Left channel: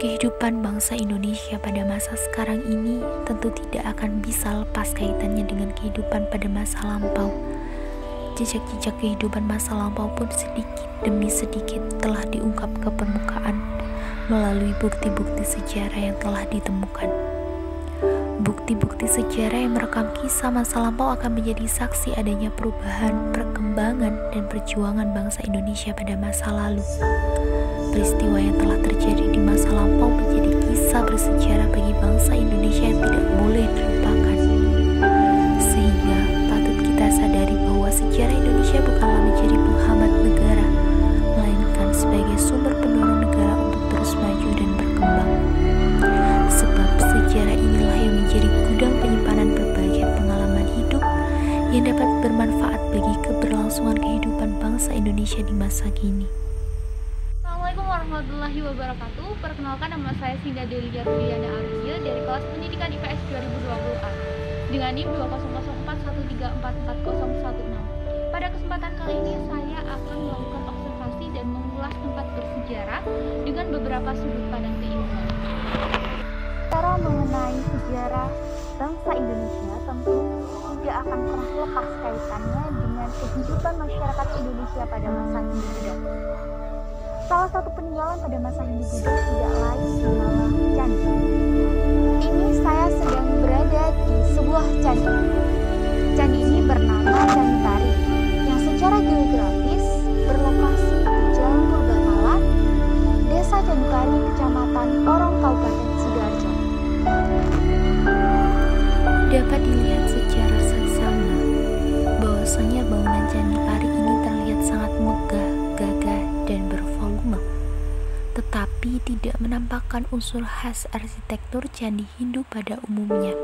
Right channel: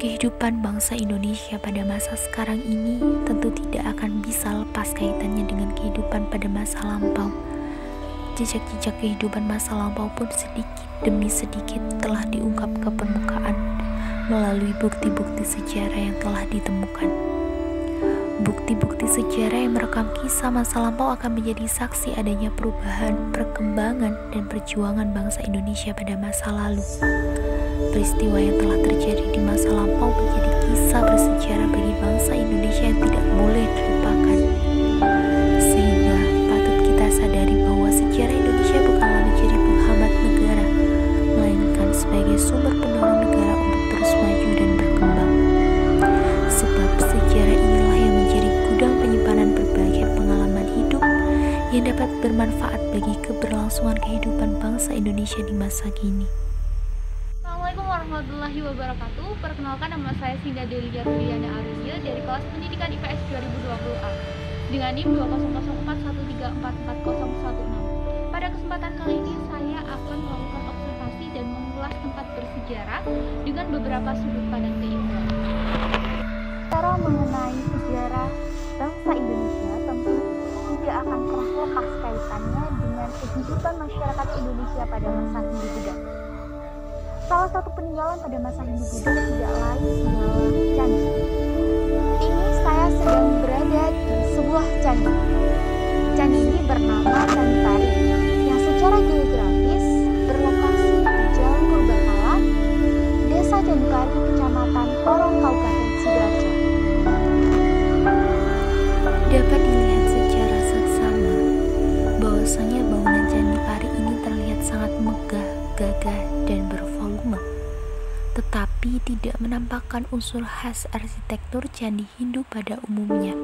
Kehidupan bangsa Indonesia pada masa sekarang ini tentu tidak akan bisa lepas kaitannya dengan kehidupan pada masa lampau. Jejak-jejak kehidupan masa lampau pun sedikit demi sedikit telah diungkap ke permukaan melalui bukti-bukti sejarah yang telah ditemukan. Bukti-bukti sejarah yang merekam kisah masa lampau akan menjadi saksi adanya perubahan, perkembangan, dan perjuangan bangsa Indonesia pada masa lalu. Peristiwa yang telah terjadi di masa lampau menjadi kisah bersejarah bagi bangsa Indonesia yang tidak boleh dilupakan. Sehingga patut kita sadari bahwa sejarah Indonesia bukanlah menjadi penghambat negara, melainkan sebagai sumber pendorong negara untuk terus maju dan berkembang. Sebab sejarah inilah yang menjadi gudang penyimpanan berbagai pengalaman hidup yang dapat bermanfaat bagi keberlangsungan kehidupan bangsa Indonesia di masa kini. Assalamualaikum warahmatullahi wabarakatuh. Perkenalkan, nama saya Sinda Delia Rudiana Alia dari kelas pendidikan IPS 2020A dengan NIM 2004134444016. Pada kesempatan kali ini saya akan melakukan observasi dan mengulas tempat bersejarah dengan beberapa sudut pandang keilmuan. Cara mengenai sejarah bangsa Indonesia tentu tidak akan pernah lepas kaitannya dengan kehidupan masyarakat Indonesia pada masa Hindu Buddha. Salah satu peninggalan pada masa Hindu Buddha tidak lain ialah candi. Ini saya sedang berada di sebuah candi. Candi ini bernama Candi Pari, yang secara geografis berlokasi di Jalan Purbakala, Desa Candi Pari, Kecamatan Porong, Kabupaten Sidoarjo. Dapat dilihat secara seksama bahwasanya bangunan Candi Pari ini terlihat sangat megah, gagah, dan bervolume, tetapi tidak menampakkan unsur khas arsitektur candi Hindu pada umumnya.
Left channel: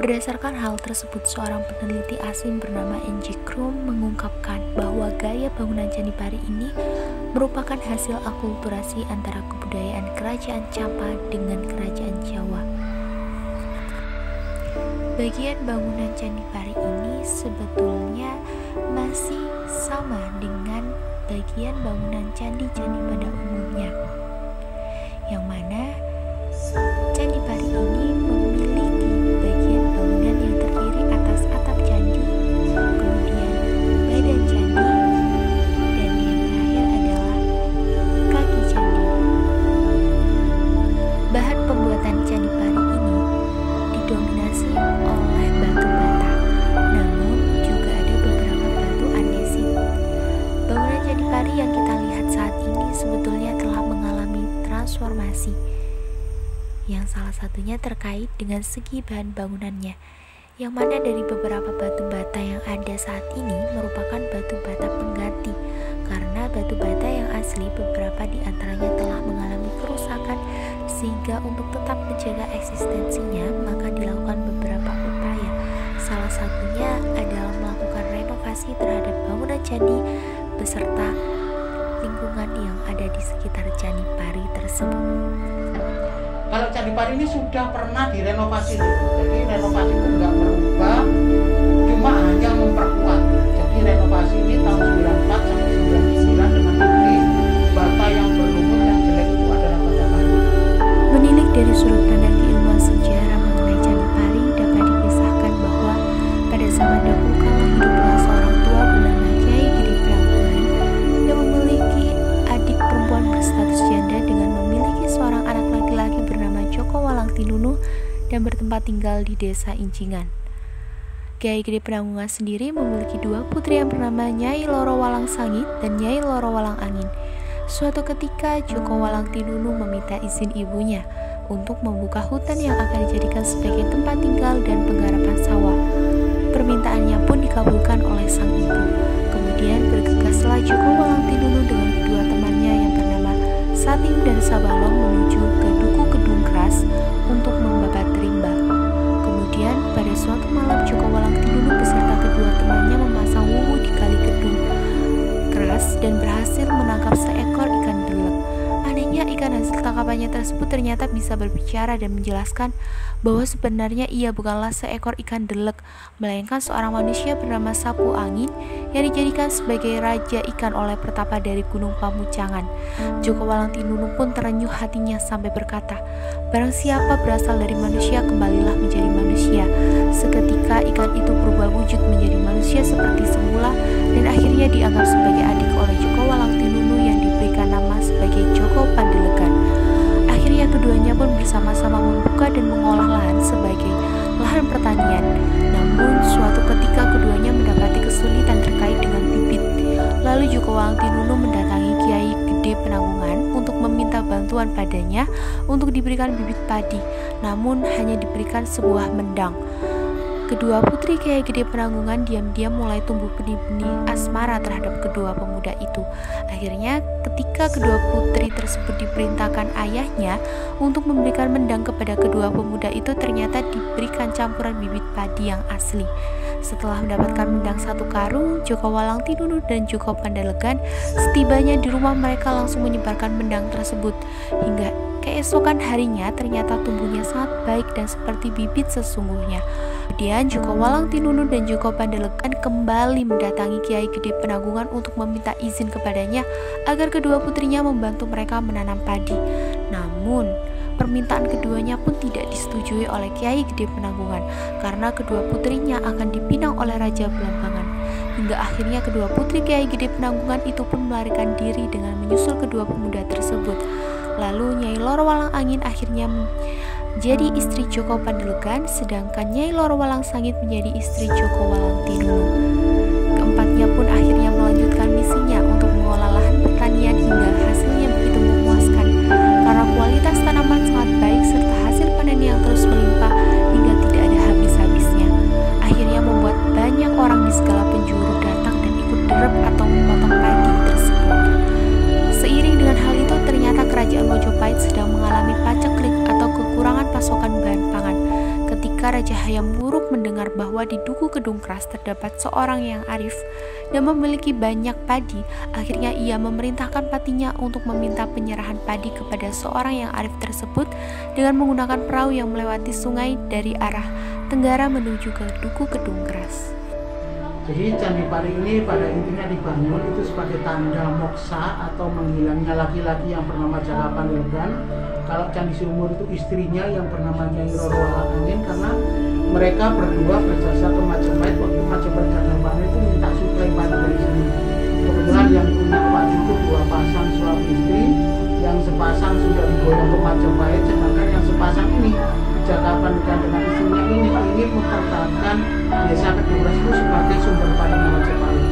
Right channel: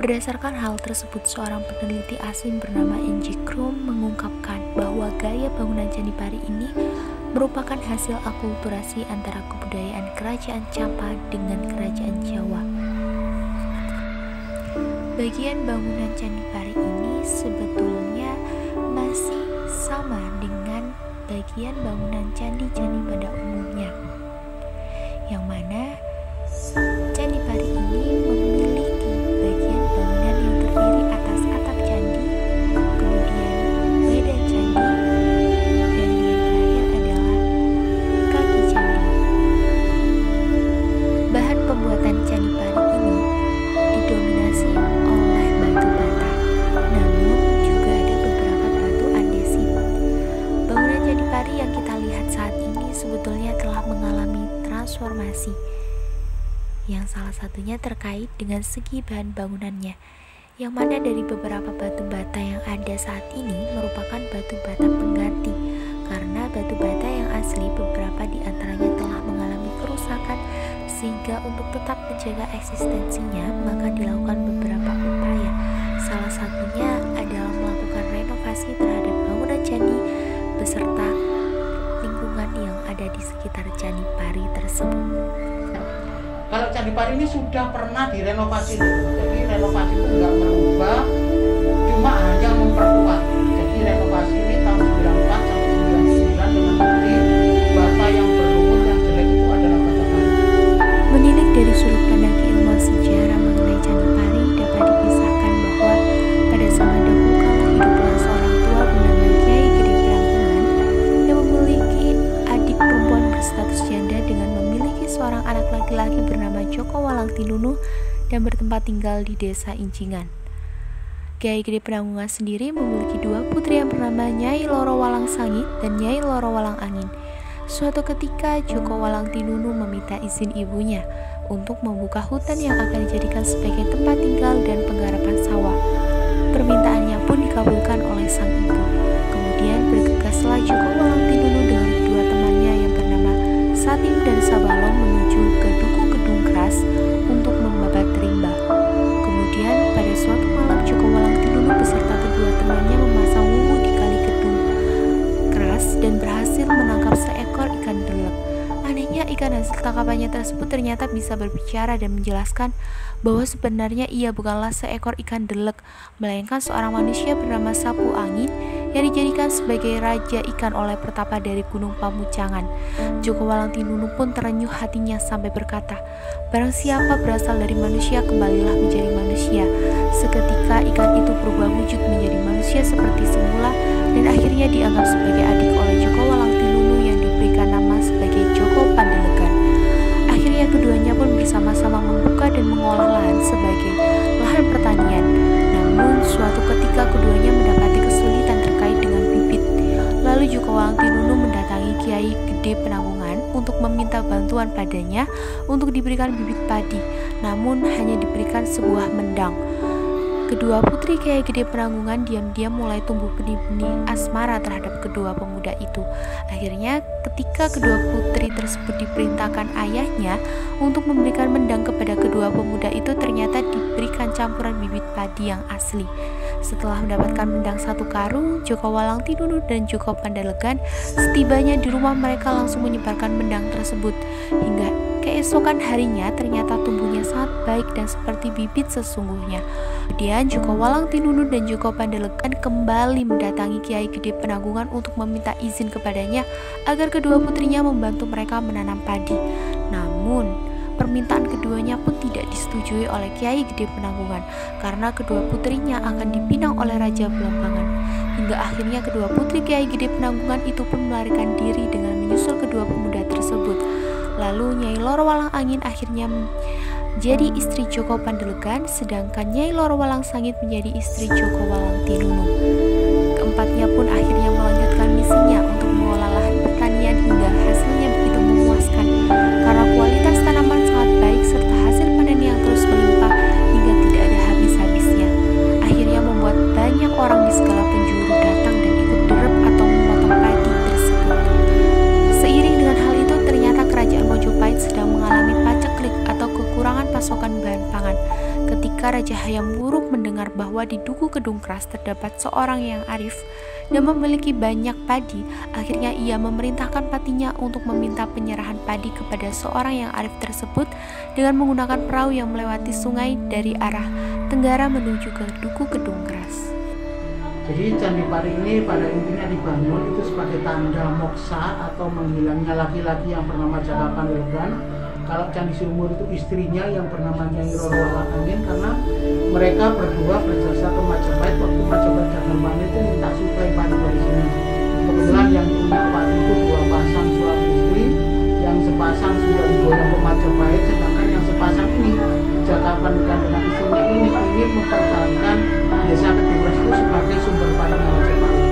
Berdasarkan hal tersebut, seorang peneliti asing bernama N.J. Krum mengungkapkan bahwa gaya bangunan Candi Pari ini merupakan hasil akulturasi antara kebudayaan kerajaan Campa dengan kerajaan Jawa. Bagian bangunan Candi Pari ini sebetulnya masih sama dengan bagian bangunan candi-candi pada umumnya, yang mana Candi Pari ini memiliki bagian bangunan yang terdiri atas atap candi, kemudian badan candi, dan yang terakhir adalah kaki candi. Bahan pembuatan Candi Pari ini didominasi oleh batu bata, namun juga ada beberapa batu andesit. Bangunan Candi Pari yang kita lihat saat ini sebetulnya telah mengalami transformasi, yang salah satunya terkait dengan segi bahan bangunannya, yang mana dari beberapa batu bata yang ada saat ini merupakan batu bata pengganti, karena batu bata yang asli beberapa di antaranya telah mengalami kerusakan, sehingga untuk tetap menjaga eksistensinya maka dilakukan beberapa upaya. Salah satunya adalah melakukan renovasi terhadap bangunan candi beserta lingkungan yang ada di sekitar Candi Pari tersebut. Kalau Candi Pari ini sudah pernah direnovasi gitu. Jadi renovasi itu nggak merubah, cuma hanya memperkuat. Jadi renovasi ini tahun 94 sampai 99 dengan bukti bata yang berlumut, yang jelek itu adalah bata baru. Menilik dari sudut pandang keilmuan sejarah mengenai Candi Pari, dapat dikisahkan bahwa pada zaman dahulu kala hiduplah seorang tua bernama Kyai Gede Prangkungan yang memiliki adik perempuan berstatus janda dengan memiliki seorang anak laki-laki bernama Joko Walang Tinunu dan bertempat tinggal di desa Incingan. Kyai Gede Prangkungan sendiri memiliki dua putri yang bernama Nyai Loro Walang Sangit dan Nyai Loro Walang Angin. Suatu ketika Joko Walang Tinunu meminta izin ibunya untuk membuka hutan yang akan dijadikan sebagai tempat tinggal dan penggarapan sawah. Permintaannya pun dikabulkan oleh sang ibu. Kemudian bergegaslah Joko Walang Tinunu dengan kedua temannya yang bernama Satim dan Sabalong menuju ke Duku Kedung Keras untuk membabat rimba. Kemudian pada suatu malam Joko Walang Tinunu beserta kedua temannya memasang wuwu di Kali Kedung Keras dan berhasil menangkap seekor ikan delek. Anehnya, ikan hasil tangkapannya tersebut ternyata bisa berbicara dan menjelaskan bahwa sebenarnya ia bukanlah seekor ikan delek, melainkan seorang manusia bernama Sapu Angin yang dijadikan sebagai raja ikan oleh Pertapa dari Gunung Pamucangan. Joko Walang Tinunu pun terenyuh hatinya sampai berkata, "Barang siapa berasal dari manusia, kembalilah menjadi manusia." Seketika ikan itu berubah wujud menjadi manusia seperti semula dan akhirnya dianggap sebagai adik oleh Joko Walang Tinunu yang diberikan nama sebagai Joko Pandelegan. Akhirnya keduanya pun bersama-sama membuka dan mengolah lahan sebagai lahan pertanian. Namun suatu ketika keduanya mendapati kesulitan terkait dengan bibit. Lalu Joko Walang Tinunu mendatangi Kiai Gede Penanggungan untuk meminta bantuan padanya untuk diberikan bibit padi, namun hanya diberikan sebuah mendang. Kedua putri Kiai Gede Penanggungan diam-diam mulai tumbuh benih-benih asmara terhadap kedua pemuda itu. Akhirnya ketika kedua putri tersebut diperintahkan ayahnya untuk memberikan mendang kepada kedua pemuda itu, ternyata diberikan campuran bibit padi yang asli. Setelah mendapatkan mendang 1 karung, Joko Walang Tinunu dan Joko Pandelegan setibanya di rumah mereka langsung menyebarkan mendang tersebut. Hingga keesokan harinya ternyata tumbuhnya sangat baik dan seperti bibit sesungguhnya. Kemudian Joko Walang Tinunu dan Joko Pandelegan kembali mendatangi Kiai Gede Penanggungan untuk meminta izin kepadanya agar kedua putrinya membantu mereka menanam padi. Namun permintaan keduanya pun tidak disetujui oleh Kiai Gede Penanggungan karena kedua putrinya akan dipinang oleh Raja Belambangan. Hingga akhirnya kedua putri Kiai Gede Penanggungan itu pun melarikan diri dengan menyusul kedua pemuda tersebut. Lalu Nyai Loro Walang Angin akhirnya menjadi istri Joko Pandelegan, sedangkan Nyai Loro Walang Sangit menjadi istri Joko Walang Tinunu. Keempatnya pun akhirnya melanjutkan misinya untuk mengolah lahan pertanian hingga hasilnya begitu memuaskan karena kualitas tanaman sangat baik serta hasil panen yang terus melimpah hingga tidak ada habis-habisnya. Akhirnya membuat banyak orang di segala penjuru datang dan ikut derep atau memotong padi tersebut. Seiring dengan hal itu, ternyata kerajaan Mojopahit sedang mengalami paceklik atau kekurangan pasokan bahan pangan. Ketika Raja Hayam Wuruk mendengar bahwa di Duku Kedung Kras terdapat seorang yang arif dan memiliki banyak padi, akhirnya ia memerintahkan patinya untuk meminta penyerahan padi kepada seorang yang arif tersebut dengan menggunakan perahu yang melewati sungai dari arah tenggara menuju ke Duku Kedung Kras. Jadi Candi Pari ini pada intinya dibangun itu sebagai tanda moksa atau menghilangnya laki-laki yang bernama Jaka Pandelegan. Kalau Candi Sumur itu istrinya yang bernama Nyai Roro Walang Angin, karena mereka berdua berjasa ke Majapahit waktu Majapahit gagal panen itu minta suplai padi dari sini. Kebetulan yang punya padi itu 2 pasang suami istri, yang sepasang sudah diboyong ke Majapahit, sedangkan yang sepasang ini Jaka Pandelegan dengan istrinya ini ingin mempertahankan Desa Kedung Kras itu sebagai sumber panen Majapahit.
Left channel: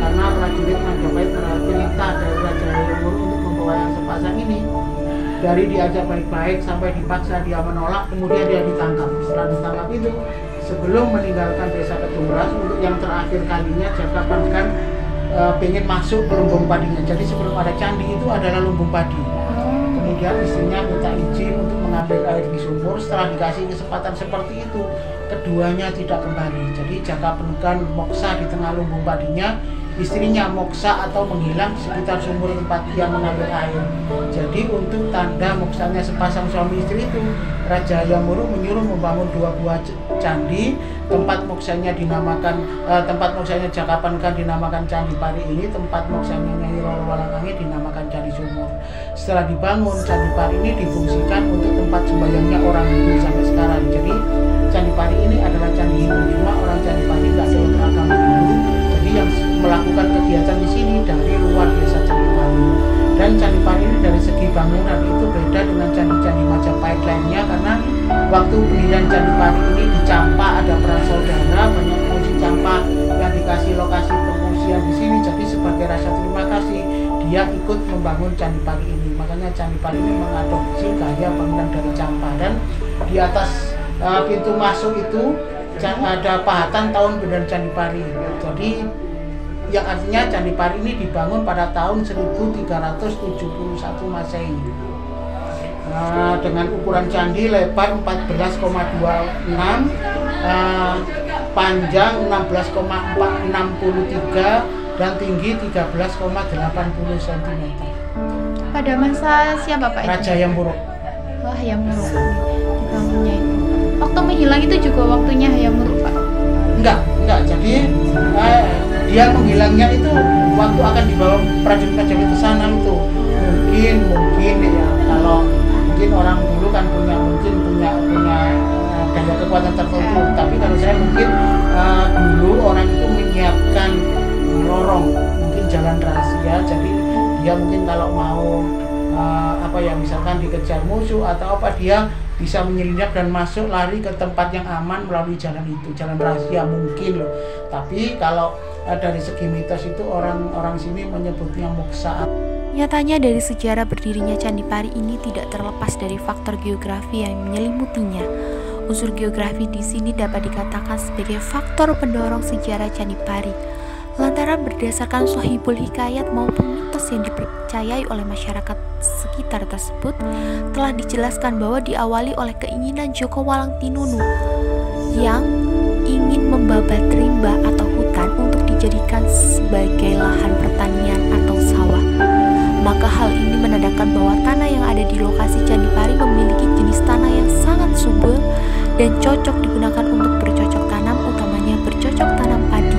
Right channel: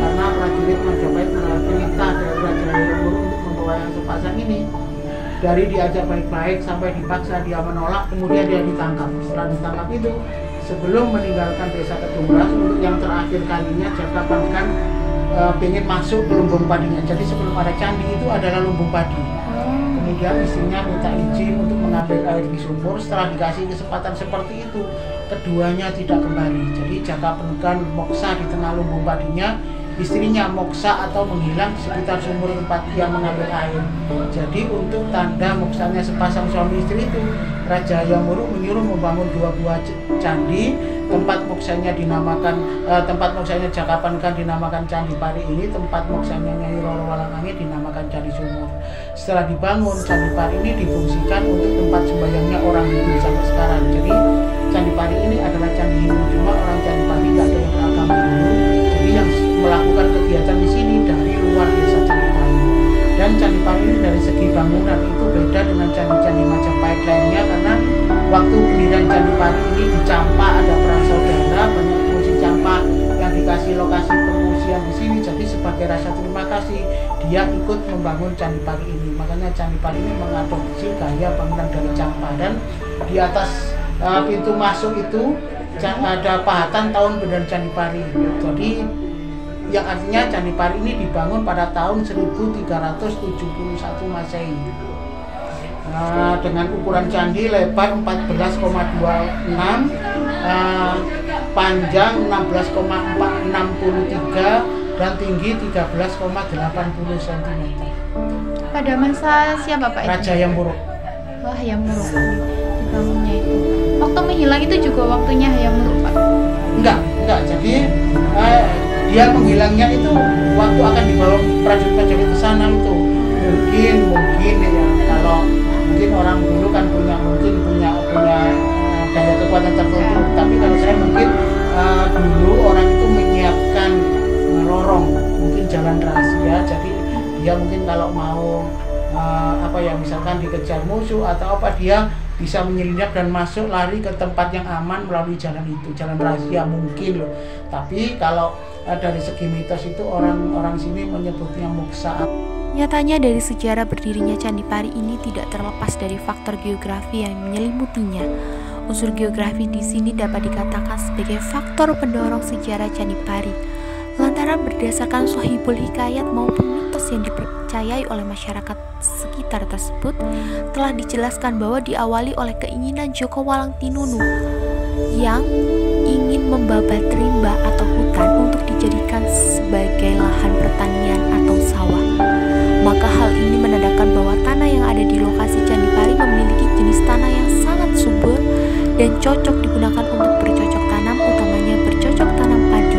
Karena prajurit Majapahit mendapat perintah dari Raja Hayam Wuruk untuk membawa yang sepasang ini. Dari diajak baik-baik sampai dipaksa dia menolak, kemudian dia ditangkap. Setelah ditangkap itu, sebelum meninggalkan Desa Kedung Kras untuk yang terakhir kalinya, Jaka Pandelegan pengen masuk ke lumbung padinya. Jadi sebelum ada candi itu adalah lumbung padi. Kemudian istrinya minta izin untuk mengambil air di sumur. Setelah dikasih kesempatan seperti itu, keduanya tidak kembali. Jadi Jaka Pandelegan moksa di tengah lumbung padinya, istrinya moksa atau menghilang di sekitar sumur tempat ia mengambil air. Jadi untuk tanda moksanya sepasang suami istri itu, Raja Hayam Wuruk menyuruh membangun 2 buah candi. Tempat moksanya Jaka Pandelegan dinamakan Candi Pari ini, tempat moksanya Nyai Roro Walang Angin dinamakan Candi Sumur. Setelah dibangun, Candi Pari ini difungsikan untuk tempat sembahyangnya orang Hindu sampai sekarang. Jadi Candi Pari ini adalah candi Hindu, cuma orang Candi Pari nggak ada yang beragama Hindu. Jadi yang melakukan kegiatan di sini dari luar desa Candi Pari. Dan Candi Pari ini dari segi bangunan itu beda dengan candi-candi Majapahit lainnya, karena waktu pendirian Candi Pari ini di Campa ada perang saudara, banyak pengungsi Campa yang dikasih lokasi pengungsian di sini. Jadi sebagai rasa terima kasih dia ikut membangun Candi Pari ini. Makanya Candi Pari ini mengadopsi gaya bangunan dari Campa, dan di atas pintu masuk itu ada pahatan tahun pendirian Candi Pari. Jadi yang artinya Candi Pari ini dibangun pada tahun 1371 Masehi. Dengan ukuran candi lebar 14,26, panjang 16,63 dan tinggi 13,80 cm. Pada masa siapa Pak itu? Raja Hayam Wuruk. Wah, Hayam Wuruk dibangunnya itu. Waktu menghilang itu juga waktunya Hayam Wuruk Pak? Enggak. Jadi dia menghilangnya itu waktu akan dibawa prajurit-prajurit ke sana itu. Mungkin ya, kalau mungkin orang dulu kan punya daya kekuatan tertentu. Tapi kalau saya mungkin dulu orang itu menyiapkan lorong, mungkin jalan rahasia. Jadi dia mungkin kalau mau misalkan dikejar musuh atau apa, dia bisa menyelinap dan masuk lari ke tempat yang aman melalui jalan itu, jalan rahasia mungkin loh. Tapi kalau dari segi mitos itu orang sini menyebutnya moksa. Nyatanya dari sejarah berdirinya Candi Pari ini tidak terlepas dari faktor geografi yang menyelimutinya. Unsur geografi di sini dapat dikatakan sebagai faktor pendorong sejarah Candi Pari. Lantaran berdasarkan Sohibul Hikayat maupun mitos yang dipercayai oleh masyarakat sekitar tersebut, telah dijelaskan bahwa diawali oleh keinginan Joko Walangtinunu yang ingin membabat rimba atau hutan untuk dijadikan sebagai lahan pertanian atau sawah. Maka hal ini menandakan bahwa tanah yang ada di lokasi Candi Pari memiliki jenis tanah yang sangat subur dan cocok digunakan untuk bercocok tanam, utamanya bercocok tanam padi.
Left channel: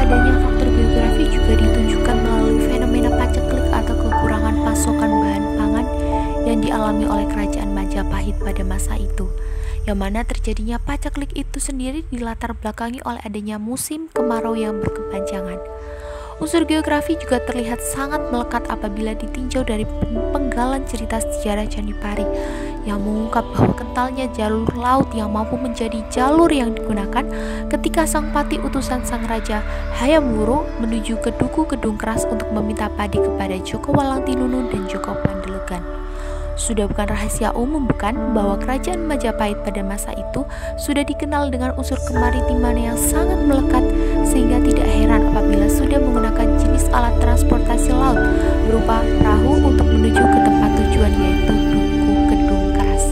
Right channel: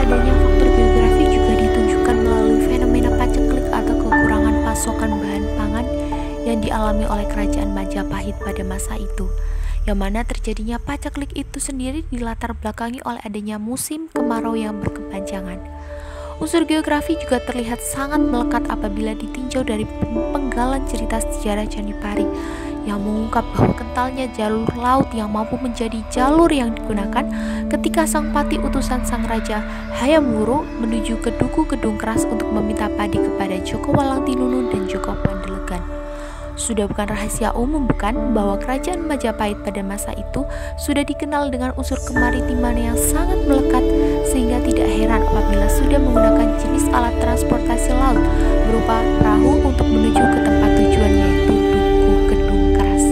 Adanya faktor geografi juga ditunjukkan melalui fenomena paceklik atau kekurangan pasokan bahan pangan yang dialami oleh kerajaan Majapahit pada masa itu, yang mana terjadinya paceklik itu sendiri dilatar belakangi oleh adanya musim kemarau yang berkepanjangan. Unsur geografi juga terlihat sangat melekat apabila ditinjau dari penggalan cerita sejarah Candi Pari yang mengungkap bahwa kentalnya jalur laut yang mampu menjadi jalur yang digunakan ketika sang pati utusan sang raja Hayam Wuruk menuju ke Duku Kedung Keras untuk meminta padi kepada Joko Walangtinunu dan Joko Pandelegan. Sudah bukan rahasia umum bukan bahwa kerajaan Majapahit pada masa itu sudah dikenal dengan unsur kemaritiman yang sangat melekat, sehingga tidak heran apabila sudah menggunakan jenis alat transportasi laut berupa perahu untuk menuju ke tempat tujuan, yaitu Duku Kedung Keras.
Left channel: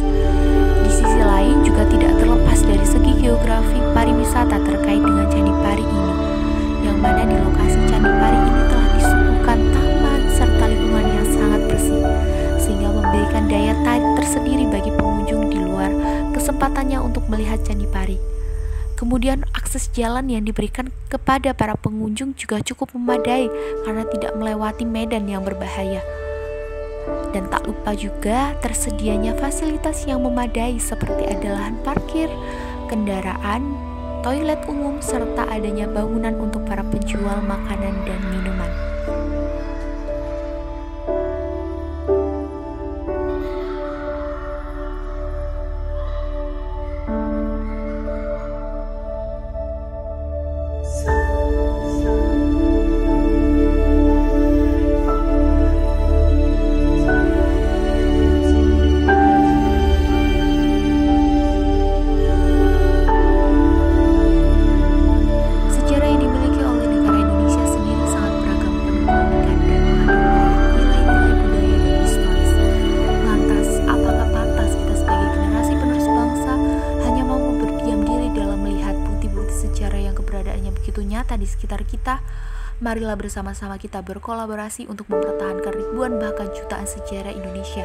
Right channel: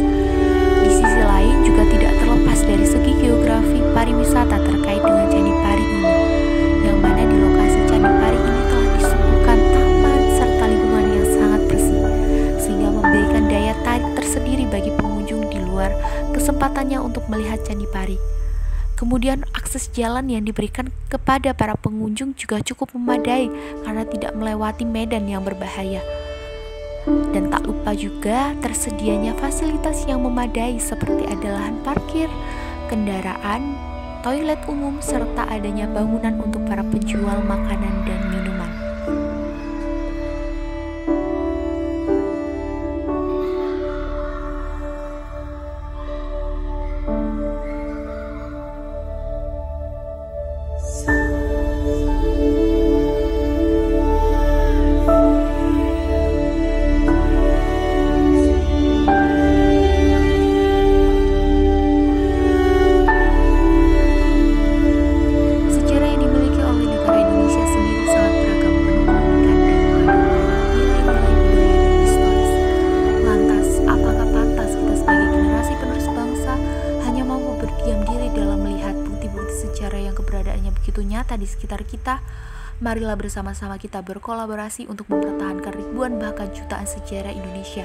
Di sisi lain juga tidak terlepas dari segi geografi pariwisata terkait dengan Candi Pari ini, yang mana di lokasi Candi Pari ini telah disuguhkan taman serta lingkungan yang sangat bersih, sehingga memberikan daya tarik tersendiri bagi pengunjung di luar kesempatannya untuk melihat Candi Pari. Kemudian akses jalan yang diberikan kepada para pengunjung juga cukup memadai karena tidak melewati medan yang berbahaya. Dan tak lupa juga tersedianya fasilitas yang memadai seperti ada lahan parkir, kendaraan, toilet umum, serta adanya bangunan untuk para penjual makanan dan minuman. Begitu nyata di sekitar kita, marilah bersama-sama kita berkolaborasi untuk mempertahankan ribuan bahkan jutaan sejarah Indonesia,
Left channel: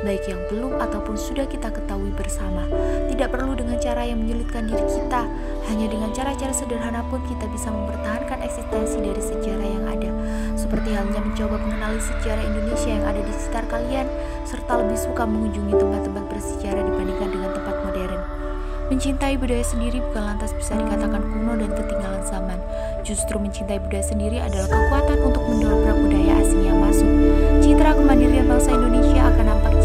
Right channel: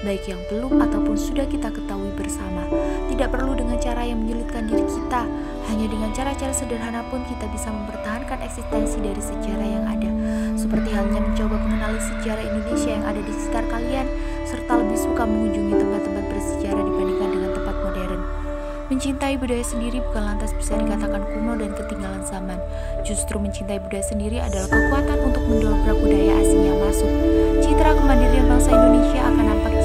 baik yang belum ataupun sudah kita ketahui bersama. Tidak perlu dengan cara yang menyulitkan diri kita, hanya dengan cara-cara sederhana pun kita bisa mempertahankan eksistensi dari sejarah yang ada, seperti halnya mencoba mengenali sejarah Indonesia yang ada di sekitar kalian, serta lebih suka mengunjungi tempat-tempat bersejarah dibandingkan dengan tempat modern. Mencintai budaya sendiri bukan lantas bisa dikatakan kuno dan ketinggalan zaman. Justru mencintai budaya sendiri adalah kekuatan untuk mendobrak budaya asing yang masuk. Citra kemandirian bangsa Indonesia akan nampak